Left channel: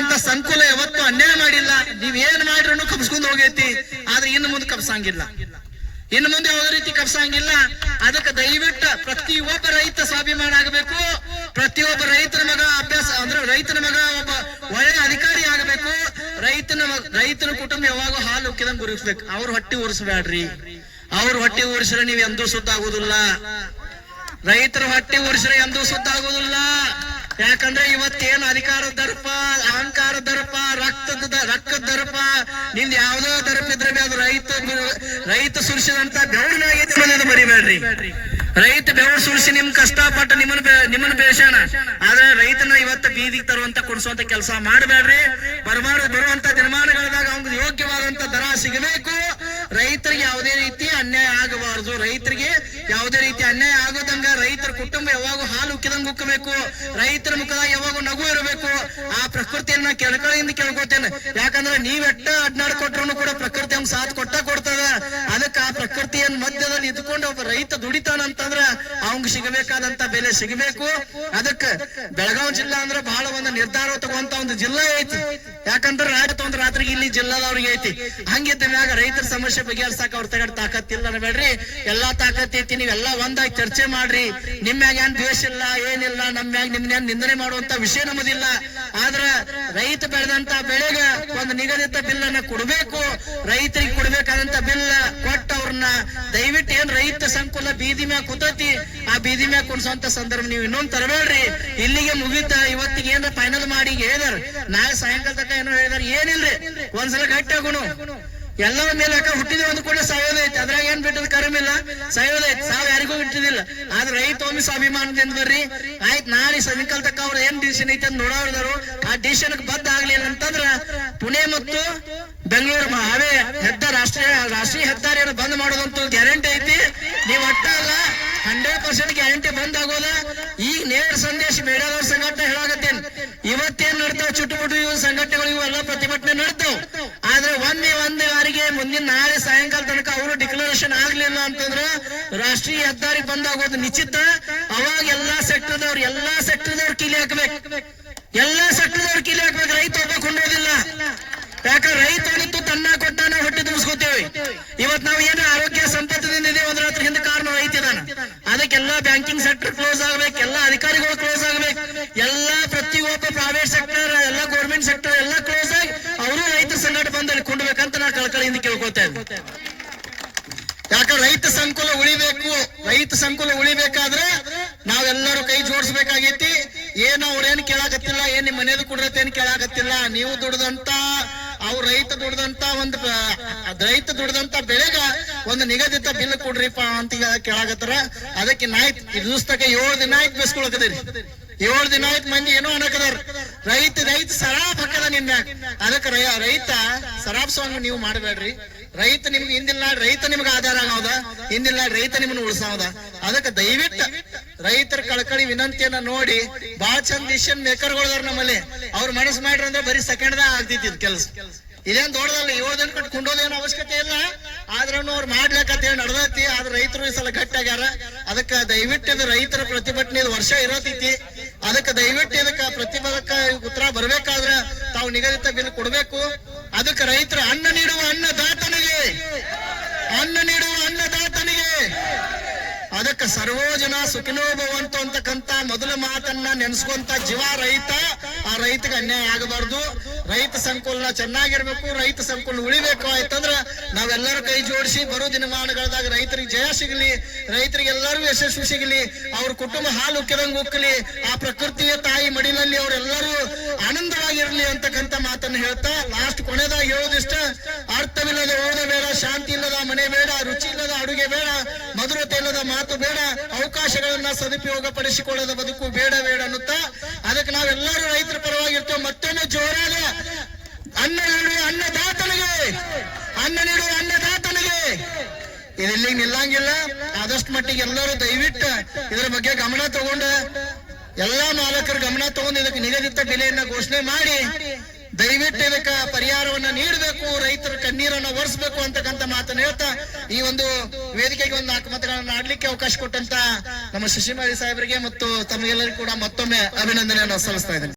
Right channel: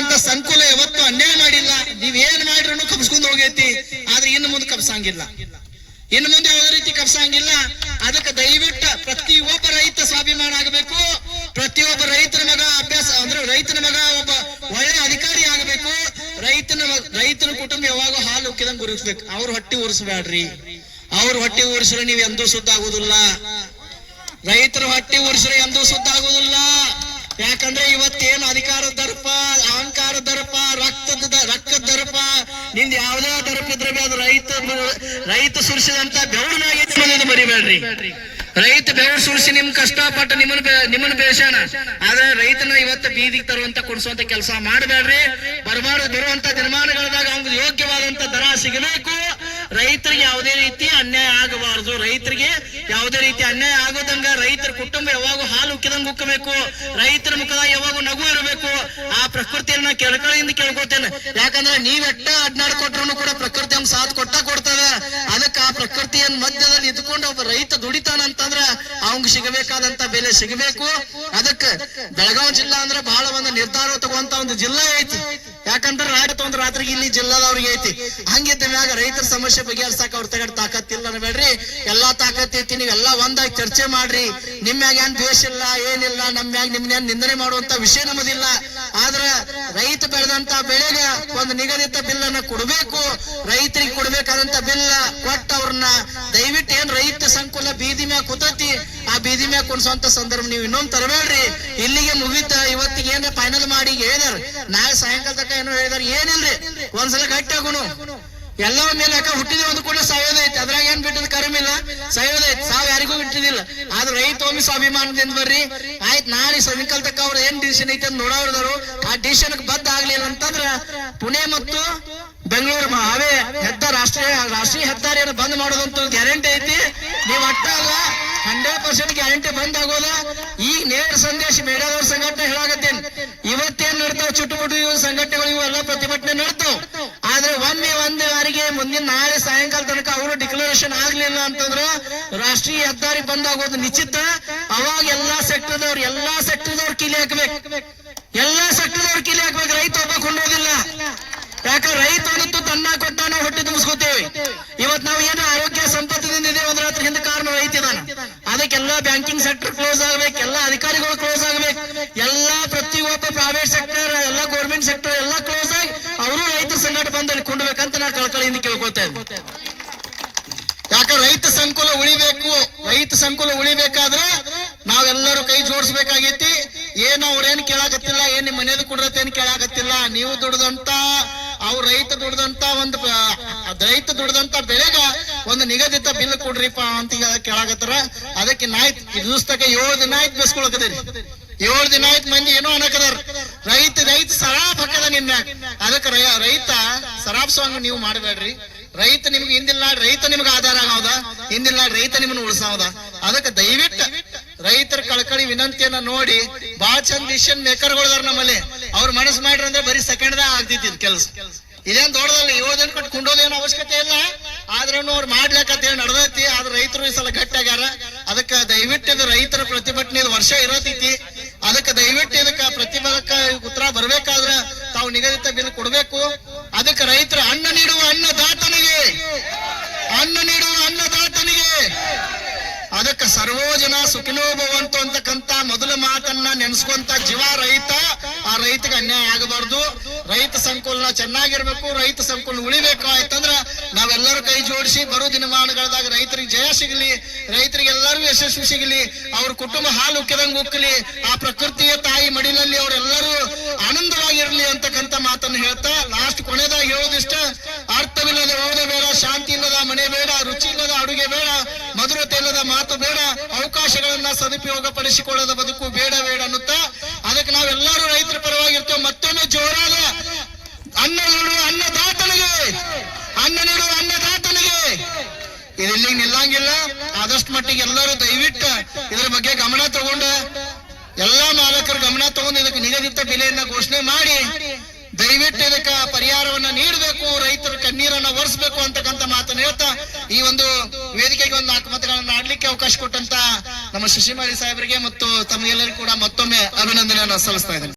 ಹಾಕುವಂತ ಸಂಕುಲ ಯಾವತ್ತು ಅನ್ಯಾಯ ಮಾಡಿಲ್ಲ. ನೀವೇನ್ ಮಾಡಿದ್ರು ಕಬ್ಸ್ಕೊಂಡ್ ಹೋಗೈತಿ. ಆದ್ರೆ ಇನ್ನು ಮುಂದೆ ಕಬ್ಸಂಗಿಲ್ಲ, ಇನ್ನು ಮುಂದೆ ಯಾವುದೇ ರೀತಿ ಕಬ್ಸಂಗಿಲ್ಲ. ಅದಕ್ಕೆ ದಯವಿಟ್ಟು ಪ್ರತಿಯೊಬ್ಬ ರೈತ ಸ್ವಾಭಿಮಾನ ಆಗಬೇಕು. ಪ್ರತಿಯೊಬ್ಬ ರೈತರ ಮಗ ಅಭ್ಯಾಸ ಅಂದ್ರೆ ರೈತನ ಮಗ ಒಬ್ಬ ಒಳ್ಳೆ ಅಧಿಕಾರಿ ಆಗಬೇಕು. ರೈತನ ಕುಟುಂಬ ಯಾವಾಗ ಹಾಲು ಉಕ್ಕಿದಂಗ್ ಗುರುಸ್ಬೇಕು. ಅವ್ರ ಹೊಟ್ಟಿ ಉರ್ಸ್ಬೇಡ್ರಿ. ಅವ್ರ ಹೊಟ್ಟಿ ಉರ್ಸ್ರೆ ನೀವ್ ಎಂದೂ ಸುದ್ದ ಆಗುದಿಲ್ಲ. ರೈತರ ಹೊಟ್ಟಿ ಉರ್ಸ್ರೆ ಎಂದೂ ಸುದ್ದ ಆಗುದಿಲ್ಲ. ಯಾಕಂದ್ರೆ ಇವತ್ತೇನು ಅಧಿಕಾರದ ದರ್ಪ, ಅಹಂಕಾರದ ದರ್ಪ, ರಕ್ತದ ದರ್ಪ, ನಿಂದ ಯಾವ್ದೋ ದರ್ಪ ಇದ್ರೆ ಅದು ರೈತ ಸುರಿಸಿದಂತ ಬೆವರಿನಾಗೈತೆ ಮರಿಬೇಡ್ರಿ. ರೈತ ಬೆವರು ಸುರಿಸಿ ನಿಮ್ ಕಷ್ಟಪಟ್ಟು ನಿಮ್ಮನ್ನ ಬೇಷಾನ. ಆದ್ರೆ ರೈತನ ಇವತ್ತು ಬೀದಿಗೆ ತರುವಂತ ಕೊಡಿಸುವಂತ ಕೆಲಸ ಮಾಡಬೇಡ್ರಿ. ಬರುವಂತ ದಿನಮಾನಗಳದಾಗ ಅವ್ನಿಗೆ ಯೋಗ್ಯವಾದಂತ ದರ ಸಿಗಬೇಕು. ರೈತರಿಗೆ ಯಾವುದೇ ರೀತಿ ಅನ್ಯಾಯ ಆಗಬಾರದು. ರೈತರಿಗೆ ಯಾವುದೇ ರೀತಿ ಅನ್ಯಾಯ ಆಗೋದಂಗ ರೈತರ ಕುಟುಂಬ ಯಾವಾಗೂ ಹಾಲು ಉಕ್ಕಿದಂಗ ಉಕ್ಕಬೇಕು. ರೈತರ ಮುಖದಾಗ ಯಾವಾಗೂ ನಗು ಇರಬೇಕು. ಆ ಪ್ರಕೃತಿಯನ್ನ ಕೆಳಕಳಿಯಿಂದ ಕೇಳ್ಕೊತೇನೆ. ಯಾಕಂದ್ರೆ ನೀವೆಟ್ಟ ಅಡ್ನಾಡ್ಕೊಟ್ರು ಕೂಡ ಪ್ರಕೃತಿ ಹಂಗ ಸಾಥ್ ಕೊಡ್ತದೆ. ಅದಕ್ಕೆ ಆ ಪ್ರಕೃತಿಯ ಮಧ್ಯದಲ್ಲಿ ಇದ್ಕೊಂಡು ಒಬ್ಬ ರೈತ ದುಡಿತಾನಂತಂದ್ರ ಅವಂಗ ಸಿಗಬೇಕಾದಂತ ಬೆಲೆ ಸಿಗಬೇಕು. ಅದಕ್ಕೆ ಬೆಳಗಾವಿ ಜಿಲ್ಲಾ ಅಂದ್ರೆ ಬಹಳ ಒಂದು ನಿರ್ಧಾರ ತಗುವಂತ ಒಂದು ಜಿಲ್ಲಾ ಐತಿ. ಯಾಕಂದ್ರೆ ಒಂದು ರಾತ್ರಿಗೆ ಇಲ್ಲಿ ಜಿಲ್ಲಾದವ್ರಿಗೆ ಐತಿ. ಹಂಗಿದ್ದ ಮ್ಯಾಗ ರೈತರ ಸಮಸ್ಯೆ ಬಗೆಹರ್ಸಾಕ ಅವ್ರ ತಗಡ್ ತಾಕತ್ತಿಲ್ಲ ಅನ್ಬೇಡ್ರಿ. ಎಲ್ಲಾ ತಾಕತ್ ಐತಿ. ನೀವೆಲ್ಲ ಒಂದಾಗಿ ಚರ್ಚೆ ಮಾಡ್ರಿ. ನಿಮ್ಮ್ಯಾಗ ಏನ್ ದ್ವೇಷ ಇಲ್ಲ, ಏನಿಲ್ಲ. ನಮ್ಮ್ಯಾಗ ನಿಮ್ನ ನಿಂದನೆ ಮಾಡುವಂತ ವಿಷಯ ನಮ್ಮದಿಲ್ಲ. ಆದ್ರ ರೈತ ಬೆಳೆದಂತ ಬೆಳೆಗ ಒಂದು ನಿಗದಿತ ಬಿಲ್ ಅನ್ನ ಕೊಡ್ಬೇಕು. ರೈತರಿಗೆ ಕೊಡ್ಬೇಕಾದಂತ ಬಿಲ್ ಕೊಟ್ಟ ಅವ್ರನ್ನ ದಯವಿಟ್ಟು ಏನ್ ರೈತ ಸಂಕುಲ ಬೀದಿ ಮ್ಯಾಗ ಕೂತೈತಿ ಆ ಬೀದಿ ಮ್ಯಾಗ ಕುಣಿಸುವಂತ ಸಂದರ್ಭ ನೀವು ಇನ್ನೊಂದು ತರಬೇಡ್ರಿ. ಇಲ್ಲಿಗೆ ಮುಗಿತ. ಇವತ್ತಿಗೆ ಏನ್ರ ಫೈನಲ್ ಮಾಡಿ ಹೇಳಿದಾರ. ನಾಳೆ ಸಾಯಂಕಾಲ ತನಕ ಏನೋ ಹೇಳಿದಾರ. ಏನಿಲ್ರಿ, ಒಂದ್ಸಲ ಗಟ್ಟಿ ಆಗುನು. ಎಲ್ಲ ಮೇಲೆ ಯಾಕ ಹುಟ್ಟಿದ ಒಂದು ಕೂಡ ಸಾಯೋದೈತಿ. ಅದ್ರಾಗ ಏನ್ ಬಿಟ್ಟದ ಕರಮಿಲ್ಲ, ಸಾಯೋದೈತಿ. ಸಾವು ಯಾರಿಗೂ ಬಿಟ್ಟಿದಿಲ್ಲ. ಆದ್ರೆ ರೈತ ಒಮ್ಮೆ ಸ್ವಾಭಿಮಾನದಿಂದ ಬರ್ರಿ. ಆಯ್ತು, ನಾಳೆ ಸಾಯಂಕಾಲ ತಕ್ಕ ಅವ್ರ ಏನ್ ಡಿಸಿಷನ್ ಐತಿ ಅಂತ ನೋಡೋರು ಆ ಡಿಸಿಷನ್ ಬದ್ಧ ಆಗ್ಲಿಲ್ಲ ಅಂತಂದ್ರ ಪುಣೆ ಮತ್ತು ಬೆಂಗಳೂರು ಅವೇ ರಾಷ್ಟ್ರೀಯ ಹೆದ್ದಾರಿಯನ್ನು ಬಂದ್ ಮಾಡೋದಂತೂ ಗ್ಯಾರಂಟಿ ಐತಿ. ನೀವ್ ಅಟ್ಟ ಅಲ್ಲ 100% ಗ್ಯಾರಂಟಿ ಬಂದ್ ಆಗೋದ. ಈ ನೇರ ಸಂದೇಶ ಮೇಡದವ್ರ ಸಂಘಟನೆ ಹೇಳಾಗತ್ತೇನ್. ಇವತ್ತೇನ್ ನಡ್ತಾವ್ ಚುಟುಮುಟು ಇವು ಸಂಘಟನೆಗಳು ಇವೆಲ್ಲ ಪ್ರತಿಭಟನೆ ನಡ್ತಾವ್. ಆದ್ರೆ ಒಂದು ವಾರಿಗೆ ಮುಂದಿನ ನಾಳೆ ಸಾಯಂಕಾಲ ತನಕ ಅವರು ಡಿಕ್ಲರೇಷನ್ ಆಗ್ಲಿಲ್ಲ ಅಂತಂದ್ರ ರಾಷ್ಟ್ರೀಯ ಹೆದ್ದಾರಿ ಬಂದ್ ಆಗೋದು ನಿಶ್ಚಿತ. ಅವಾಗ ಎಲ್ಲಾ ಸೆಕ್ಟರ್ದವ್ರು ಕಿಲಿ ಹಾಕ್ಬೇಕು. ಎಲ್ಲಾ ಸೆಕ್ಟರ್ದವ್ರು ಕಿಲಿ ಹಾಕ್ಬೇಕು. ರೈತ ಒಬ್ಬ ಕೊಂಡೋದಿಲ್ಲ. ಯಾಕಂದ್ರೆ ರೈತ ಅನ್ನತ್ತು ತನ್ನ ಕೊಟ್ಟ ನಾವು ಹೊಟ್ಟೆ ತುಂಬಿಸ್ಕೋತೇವೆ. ಇವತ್ ನಾವು ಏನು ಆರೋಗ್ಯ ಸಂಪತ್ತಿನಿಂದ ಇದೀವಿ ಅಂದ್ರೆ ಅದ್ರ ಹಿಂದೆ ಕಾರಣ ರೈತ ಇದಾನೆ. ಅದಕ್ಕೆಲ್ಲ ಬ್ಯಾಂಕಿಂಗ್ ಸೆಕ್ಟರ್ ಕ್ಲೋಸ್ ಆಗ್ಬೇಕು. ಎಲ್ಲ ಅಧಿಕಾರಿಗಳು ಕ್ಲೋಸ್ ಆಗ್ಬೇಕು. ಎಲ್ಲಾ ಪ್ರತಿಯೊಬ್ಬ ಪ್ರೈವೇಟ್ ಸೆಕ್ಟರ್, ಎಲ್ಲ ಗೌರ್ಮೆಂಟ್ ಸೆಕ್ಟರ್ ಎಲ್ಲ ಕ್ಲೋಸ್ ಆಗಿ ಅವರು ರೈತ ಸಂಘಟನೆ ಬಂದಲ್ಲಿ ಕೊಂಡ್ಬೇಕಂತ ನಾ ಕಳಕಳಿಯಿಂದ ಕೇಳ್ಕೊತೇವೆ. ಯಾಕಂದ್ರೆ ರೈತ ಸಂಕುಲ ಉಳಿಬೇಕು. ರೈತ ಸಂಕುಲ ಉಳಿಬೇಕಾದ್ರೆ ನಾವೆಲ್ಲರೂ ಕೈ ಜೋಡಿಸ್ಬೇಕಾಗೈತಿ. ಏನ್ ಅವ್ರೇನ್ ಕೇಳಾಕತ್ತಿಲ್ಲ, ಏನ್ ನಿಮ್ ಮನೇಲಿ ಕುಡ್ರತೇನ್ ಕೇಳಾಕತ್ತಿಲ್ಲ. ನೀವು ದುಡ್ದಂತ ರೈತ ದುಡ್ದಂತ ಬೆಳೆಗ ಒಂದು ನಿಗದಿತ ಬಿಲ್ ಕೊಡ್ರಿಪ್ಪ ಅಂತ ಕೇಳಾಕತ್ತಾರ. ಅದಕ್ಕೆ ನಾಯ್ತು ದಿವಸದಾಗ 7 ದಿನ ಆಯ್ತು ಬೇಸ್ಕೊಳಕದ್ರಿ. 7 ದಿನ ಆಯ್ತು ಮಂದಿ ಏನೋ ಅನ್ನಕದಾರ. ರೈತ ಸರಾಬ್ ಹಾಕದ ನಿನ್ನ. ಅದಕ್ಕೆ ರೈತ ಸರಾಬ್ಸಂಗ ನೀವು ಮಾಡಬೇಡ್ರಿ. ರೈತ ನಿಮ್ಗೆ ಹಿಂದಿಲ್ಲ, ರೈತ ನಿಮ್ಗೆ ಆಧಾರ ಆಗೋದ. ಹಿಂದಿಲ್ಲ, ರೈತ ನಿಮ್ಮನ್ನ ಉಳಿಸೋದ. ಅದಕ್ಕೆ ದಯವಿಟ್ಟು ರೈತರ ಕಳಕಳಿ ವಿನಂತಿಯನ್ನ ನೋಡಿ ಬಹಳ ಚಂದ ಡಿಸಿಷನ್ ಮೇಕರ್ಗಳದಾರ ನಮ್ಮಲ್ಲಿ. ಅವ್ರ ಮನಸ್ಸು ಮಾಡ್ರಿ ಅಂದ್ರೆ ಬರೀ ಸೆಕೆಂಡ್ದಾಗ ಆಗ್ತಿತ್ತು ಕೆಲಸ. ಇದೇನ್ ದೊಡ್ಡದಲ್ಲ. 7 ದಿನ ಕಟ್ಕೊಂಡೋದೇನು ಅವಶ್ಯಕತೆ ಇಲ್ಲ. ಆದ್ರೂ ಅವ್ರು ಮಾಡ್ಲಿಕ್ಕಂತ ನಡೆದೈತಿ. ಆದ್ರೆ ರೈತರು ಈ ಸಲ ಗಟ್ಟಾಗ್ಯಾರ. ಅದಕ್ಕೆ ದಯವಿಟ್ಟು ಇದು ರೈತರ ಪ್ರತಿಭಟನೆ ವರ್ಷ ಇರತೈತಿ. ಅದಕ್ಕೆ ದಯವಿಟ್ಟು ಇದಕ್ಕ ಪ್ರತಿಭಟಕ ಉತ್ತರ ಬರ್ಬೇಕಾದ್ರೆ ತಾವು ನಿಗದಿತ ಬಿಲ್ ಕೊಡ್ಬೇಕು. ಅದಕ್ಕೆ ರೈತರ ಅನ್ನ ನೀಡುವ ಅನ್ನದಾತನಿಗೆ ಅದಕ್ಕೆ ಸರ್ವೋ ಜನ ಸುಖಿನೋ ಭವಂತು ಅಂತಕ್ಕಂತ ಮೊದಲ ಮಾತನ್ನ ನೆನೆಸ್ಕೊಂತ ಜೀವ ರೈತ. ಆ ರೈತಗೆ ಅನ್ಯಾಯ ಆಗಬಾರ್ದು. ರೈತ ಸಂಕುಲನ ಚೆನ್ನಾಗಿರ್ಬೇಕು. ರೈತ ಸಂಕುಲನ ಉಳಿಬೇಕು. ಆಯ್ತಂದ್ರ ನಾವೆಲ್ಲರೂ ಕೈ ಜೋಡಿಸಿ ಬರೋ ದಿನಮಾನಗಳದಾಗ ರೈತರಿಗೆ ಜಯ ಸಿಗಲಿ, ರೈತರಿಗೆಲ್ಲರೂ ಯಶಸ್ವಿ ಸಿಗಲಿ, ಅವ್ರ ಕುಟುಂಬ ಹಾಲು ಉಕ್ಕಿದಂಗ ಉಕ್ಕಲಿ, ಆ ಪ್ರಕೃತಿಯ ತಾಯಿ ಮಡಿಲಲ್ಲಿ ಅವರೆಲ್ಲರೂ ಆನಂದವಾಗಿರ್ಲಿ ಅಂತಕ್ಕಂತ ಮಾತನ್ನು ಹೇಳ್ತಾ ಲಾಸ್ಟ್ ಕೊನೆದಾಗ ಹೇಳೋದಿಷ್ಟ, ಅರ್ಥವಿಲ್ಲದ ಓದೆ ಬೇಡ, ಶಾಂತಿ ಇಲ್ಲದ ಮನೆ ಬೇಡ, ರುಚಿ ಇಲ್ಲದ ಅಡುಗೆ ಬೇಡ, ಮಧುರತೆ ಇಲ್ಲದ ಮಾತು ಬೇಡ, ಅವಕಾಶಗಳನ್ನ ಸದುಪಯೋಗ ಪಡಿಸಿಕೊಳ್ಳದ ಬದುಕು ಬೇಡ ಅನ್ನುತ್ತಾ ಅದಕ್ಕೆ ನಾವೆಲ್ಲರೂ ರೈತರ ಪರವಾಗಿರ್ತೇವೆ. ಮತ್ತೊಮ್ಮೆ ಜೋರಾದ ಅನ್ನ ನೀಡುವ ಅನ್ನದಾತನಿಗೆ ಇದೆಲ್ಲಿಗೆ ನಿಲ್ಲಂಗಿಲ್ಲ. ಆದಷ್ಟು ಮಟ್ಟಿಗೆ ಎಲ್ಲರೂ ದಯವಿಟ್ಟು ಇದರ ಬಗ್ಗೆ ಗಮನ ತಗೊಂಡ ಎಲ್ಲಾ ಮಾಲಕರು ಗಮನ ತಗೊಂಡು ಇದಕ್ಕೆ ನಿಗದಿತ ಬೆಲೆಯನ್ನ ಘೋಷಣೆ ಮಾಡಿ ದಯವಿಟ್ಟು ಇದಕ್ಕೆ ಪರಿಹಾರವನ್ನ ನೀಡಬೇಕು. ರೈತರ ಕಣ್ಣೀರನ್ನ ಒರೆಸಬೇಕು ಅಂತಕ್ಕಂಥ ಮಾತನ್ನು ಹೇಳ್ತಾ ಈ ಒಂದು ವೇದಿಕೆಗೆ ಒಂದು 4 ಮಾತುಗಳನ್ನ ಆಡ್ಲಿಕ್ಕೆ ಅವಕಾಶ ಕೊಟ್ಟಂತ ನಮ್ಮ ಶಶಿಮಾಲಿ ಸಾಹೇಬರಿಗೆ ಮತ್ತು ತಮಗೆಲ್ಲರಿಗೂ ಕೂಡ ಮತ್ತೊಮ್ಮೆ ಅಭಿನಂದನೆಯನ್ನು ಸಲ್ಲಿಸ್ತಾ ಇದ್ದೇನೆ.